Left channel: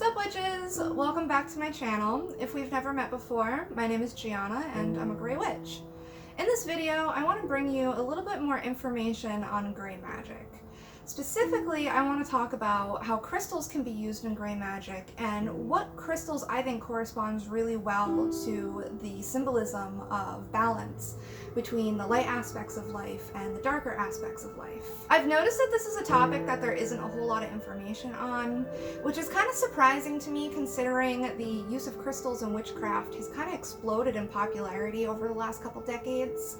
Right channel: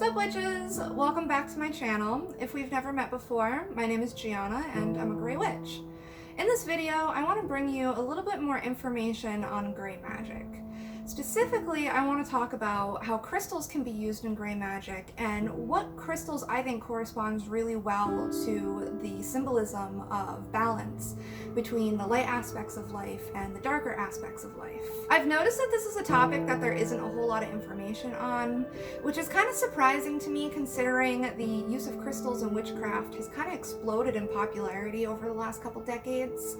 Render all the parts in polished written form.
Sup witches! Welcome back to my channel. If we've never met before, my name is Gianna and I'm a Grey Witch. In this video, I want to bring you a little bit more information on Grey Magic. Specifically, I want to talk about how crystals can be used in Grey Magic and what crystals I think corresponds really well to the symbolism of balance between the light aspects of life and the darker aspects of life. I've noticed that this is a topic that there isn't a whole lot of information on, which is kind of surprising to me considering the use of crystals in witchcraft has kind of exploded in popularity over the last couple decades.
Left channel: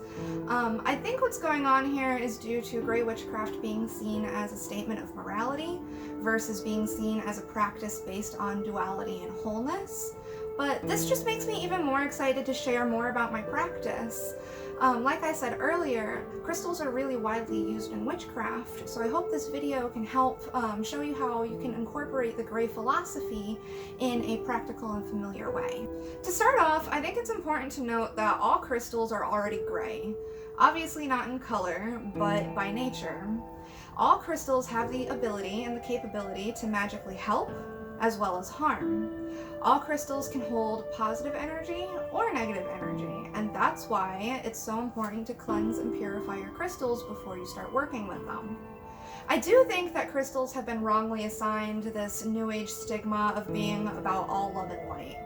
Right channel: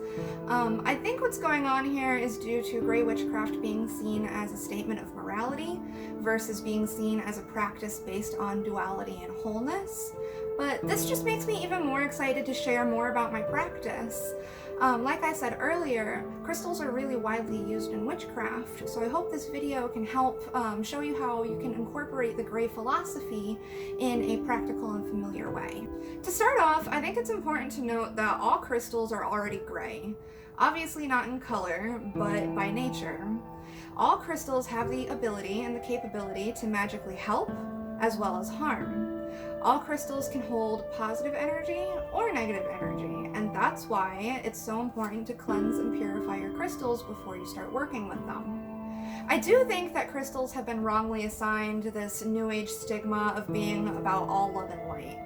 I think what's going on here is due to Grey witchcraft being seen as a statement of morality versus being seen as a practice based on duality and wholeness. But this just makes me even more excited to share more about my practice. Like I said earlier, crystals are really widely used in witchcraft, so I hope this video can help show you how you can incorporate the Grey philosophy in a practical and familiar way. To start off, I think it's important to note that all crystals are already gray. Obviously not in color, but by nature. All crystals have the ability and the capability to magically help, as well as harm. All crystals can hold positive energy or negative energy, and that's why it's so important to cleanse and purify your crystals before you start working with them. I do think that crystals have been wrongly assigned this New Age stigma of being about all love and light.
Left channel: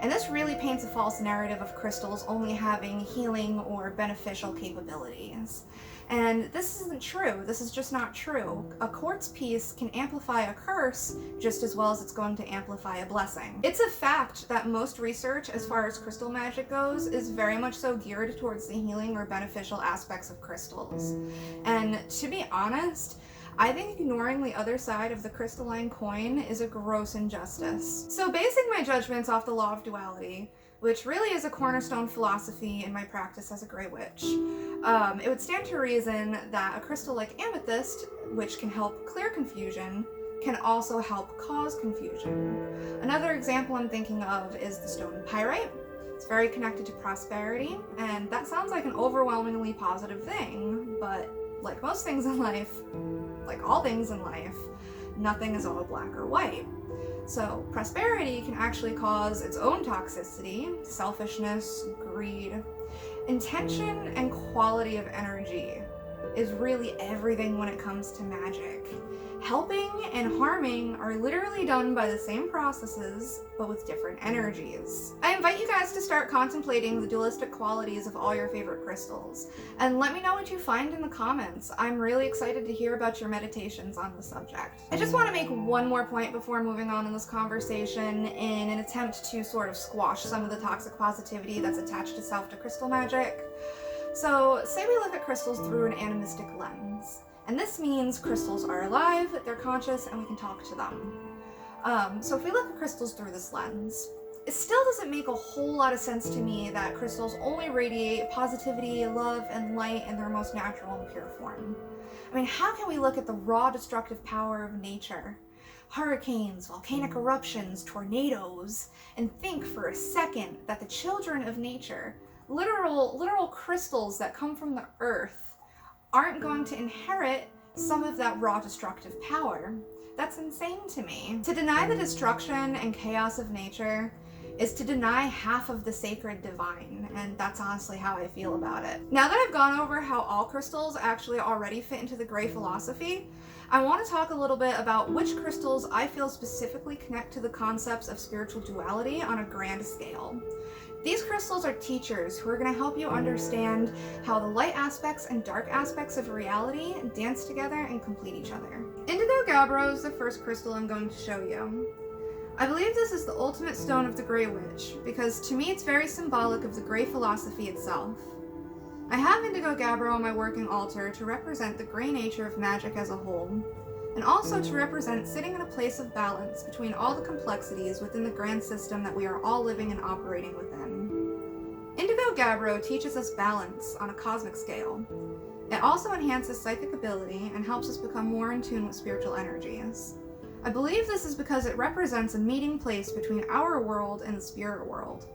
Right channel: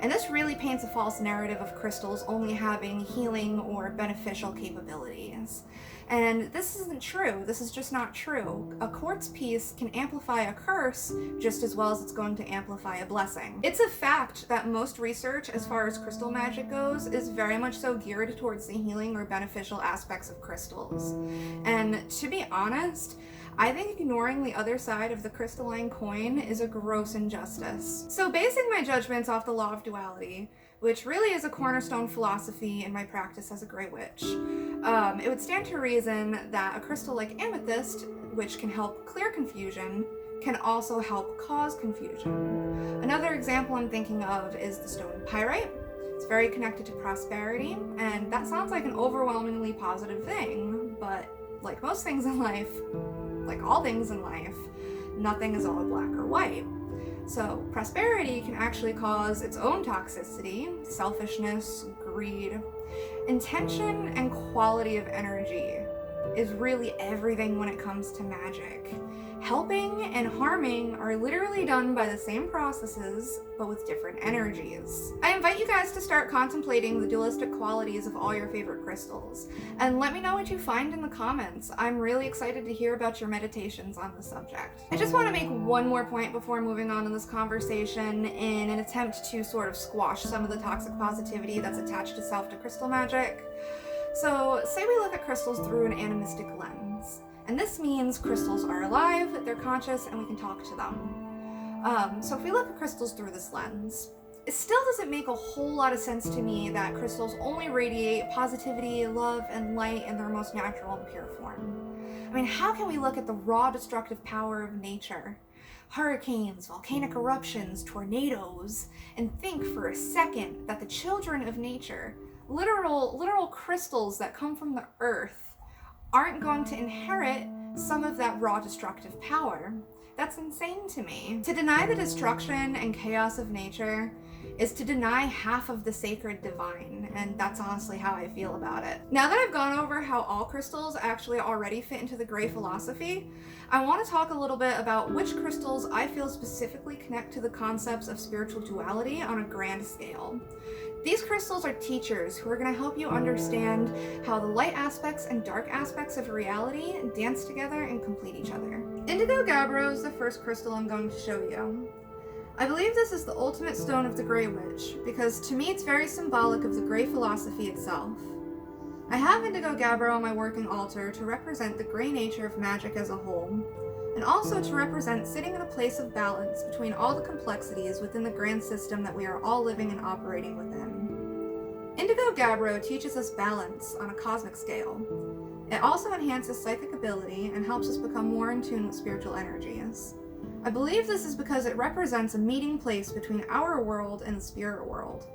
And this really paints a false narrative of crystals only having healing or beneficial capabilities. And this isn't true. This is just not true. A quartz piece can amplify a curse just as well as it's going to amplify a blessing. It's a fact that most research as far as crystal magic goes is very much so geared towards the healing or beneficial aspects of crystals. And to be honest, I think ignoring the other side of the crystalline coin is a gross injustice. So basing my judgments off the law of duality, which really is a cornerstone philosophy in my practice as a Grey Witch, it would stand to reason that a crystal like amethyst, which can help clear confusion, can also help cause confusion. Another example I'm thinking of is the stone pyrite. It's very connected to prosperity, and that sounds like an overwhelmingly positive thing, but like most things in life, like all things in life, nothing is all black or white. So prosperity can actually cause its own toxicity, selfishness, greed. Intention and quality of energy is really everything when it comes to magic. Helping and harming are literally done by the same processes, but with different energies. I invite you guys to start contemplating the dualistic qualities of all your favorite crystals, and let me know what you find in the comments. I'm really excited to hear about your meditations on the subject. I just want to make one more point before moving on in this conversation in an attempt to sort of squash some of the toxic positivity that's attached to crystal magic. So, say we look at crystals through an animistic lens. And this means crystals are alive, they're conscious, and we can talk to them. So if we look at crystals through this lens, it still doesn't make a whole lot of sense to me that crystals only radiate positivity, love, and light in their most natural and pure form. I mean, how can we look at the raw destructive power of nature, hurricanes, volcanic eruptions, tornadoes, and think for a second that the children of nature, literal crystals that come from the earth, aren't going to inherit some of that raw destructive power? That's insane to me. To deny the destruction and chaos of nature is to deny half of the sacred divine, and that's honestly how I feel about it. Now that I've gone over how all crystals actually already fit into the Grey philosophy, I want to talk a little bit about which crystals I feel specifically connect to the concepts of spiritual duality on a grand scale. These crystals are teachers who are going to help you understand how the light aspects and dark aspects of reality dance together and complete each other. Indigo Gabbro is the first crystal I'm going to show you. I believe this is the ultimate stone of the Grey Witch, because to me it's very symbolic of the Grey philosophy itself. I have Indigo Gabbro on my working altar to represent the Grey nature of magic as a whole, and also to represent sitting in a place of balance between all the complexities within the grand system that we are all living and operating within. Indigo Gabbro teaches us balance on a cosmic scale. It also enhances psychic ability and helps us become more in tune with spiritual energies. I believe this is because it represents a meeting place between our world and the spirit world.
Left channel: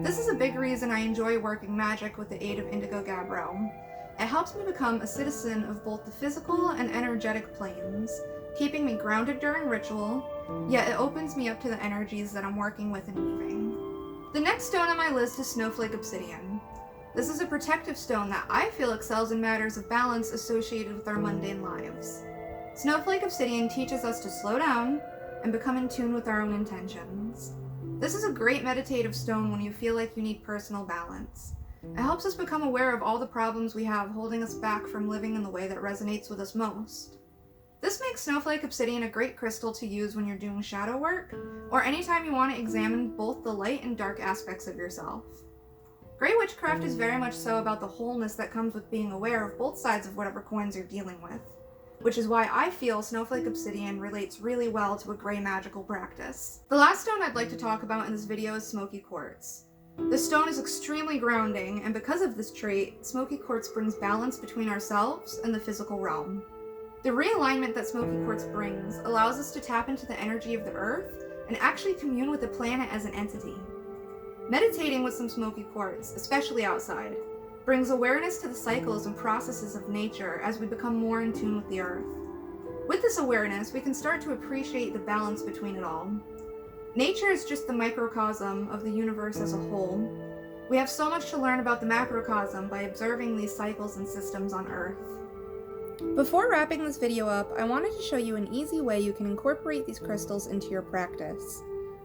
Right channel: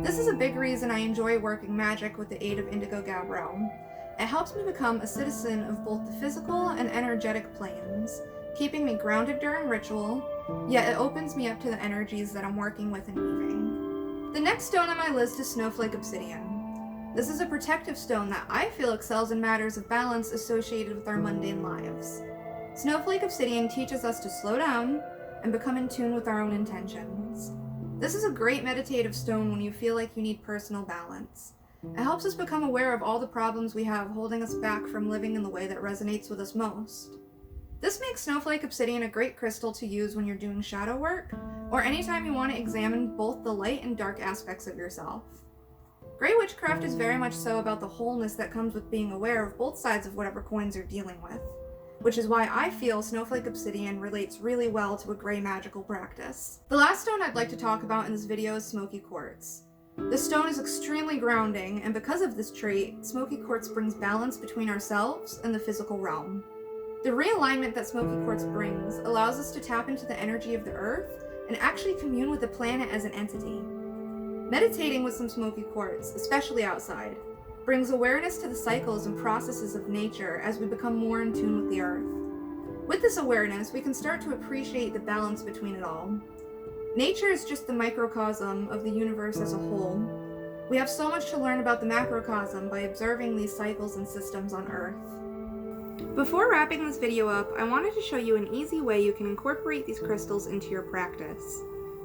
This is a big reason I enjoy working magic with the aid of Indigo Gabbro. It helps me become a citizen of both the physical and energetic planes, keeping me grounded during ritual, yet it opens me up to the energies that I'm working with and weaving. The next stone on my list is Snowflake Obsidian. This is a protective stone that I feel excels in matters of balance associated with our mundane lives. Snowflake Obsidian teaches us to slow down and become in tune with our own intentions. This is a great meditative stone when you feel like you need personal balance. It helps us become aware of all the problems we have holding us back from living in the way that resonates with us most. This makes Snowflake Obsidian a great crystal to use when you're doing shadow work, or anytime you want to examine both the light and dark aspects of yourself. Grey Witchcraft is very much so about the wholeness that comes with being aware of both sides of whatever coins you're dealing with, which is why I feel Snowflake Obsidian relates really well to a grey magical practice. The last stone I'd like to talk about in this video is Smoky Quartz. This stone is extremely grounding, and because of this trait, Smoky Quartz brings balance between ourselves and the physical realm. The realignment that Smoky Quartz brings allows us to tap into the energy of the earth and actually commune with the planet as an entity. Meditating with some Smoky Quartz, especially outside, brings awareness to the cycles and processes of nature as we become more in tune with the earth. With this awareness, we can start to appreciate the balance between it all. Nature is just the microcosm of the universe as a whole. We have so much to learn about the macrocosm by observing these cycles and systems on Earth. Before wrapping this video up, I wanted to show you an easy way you can incorporate these crystals into your practice.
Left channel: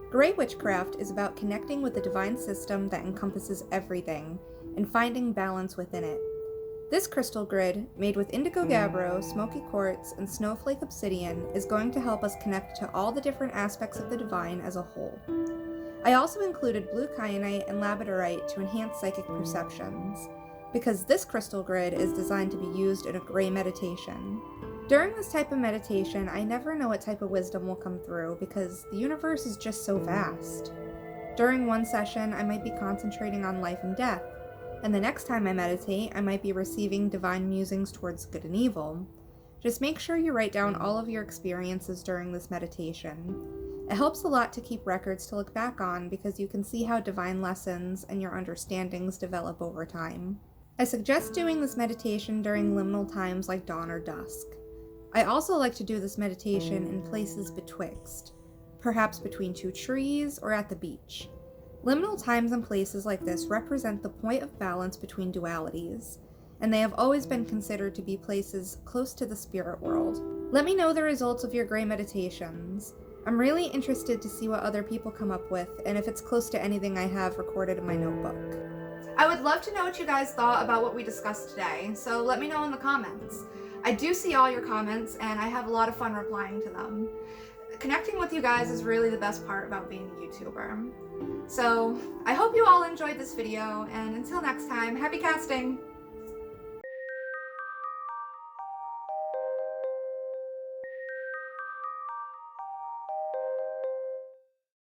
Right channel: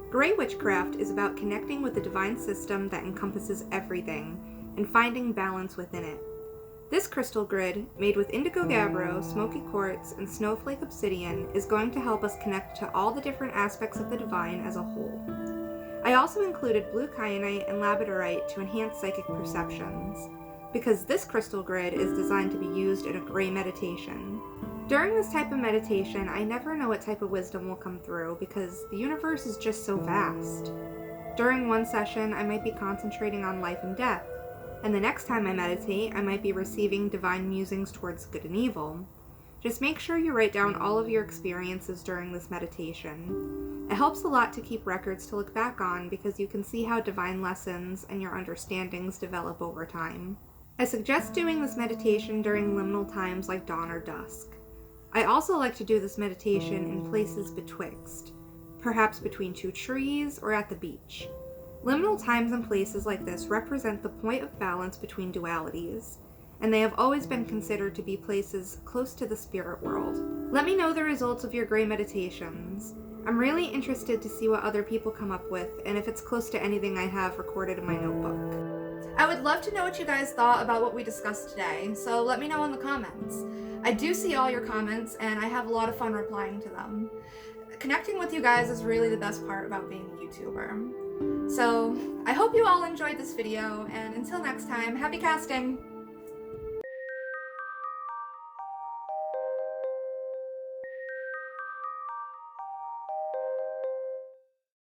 Grey Witchcraft is about connecting with the divine system that encompasses everything, and finding balance within it. This crystal grid, made with indigo gabbro, smoky quartz, and snowflake obsidian, is going to help us connect to all the different aspects of the divine as a whole. I also included blue kyanite and labradorite to enhance psychic perceptions, because this crystal grid is designed to be used in a grey meditation. During this type of meditation, I never know what type of wisdom will come through because the universe is just so vast. During one session, I might be concentrating on life and death, and the next time I meditate, I might be receiving divine musings towards good and evil. Just make sure you write down all of your experiences during this meditation. It helps a lot to keep records to look back on because you can see how divine lessons and your understandings develop over time. I suggest doing this meditation during liminal times like dawn or dusk. I also like to do this meditation in places betwixt, perhaps between two trees or at the beach. Liminal times and places like this represent the point of balance between dualities, and they have always been considered to be places close to the spirit world. Let me know the results of your grey meditations. I'm really interested to see what other people come up with, and if it's close to anything I have recorded in my notebook. I would love to know what you guys thought about what we discussed today, so let me know in the comments. I do see all your comments, and I have a lot of fun replying to them. Connecting with you guys is really the best part about being a YouTuber. So, I hope you all enjoyed this video, and until next time, happy casting!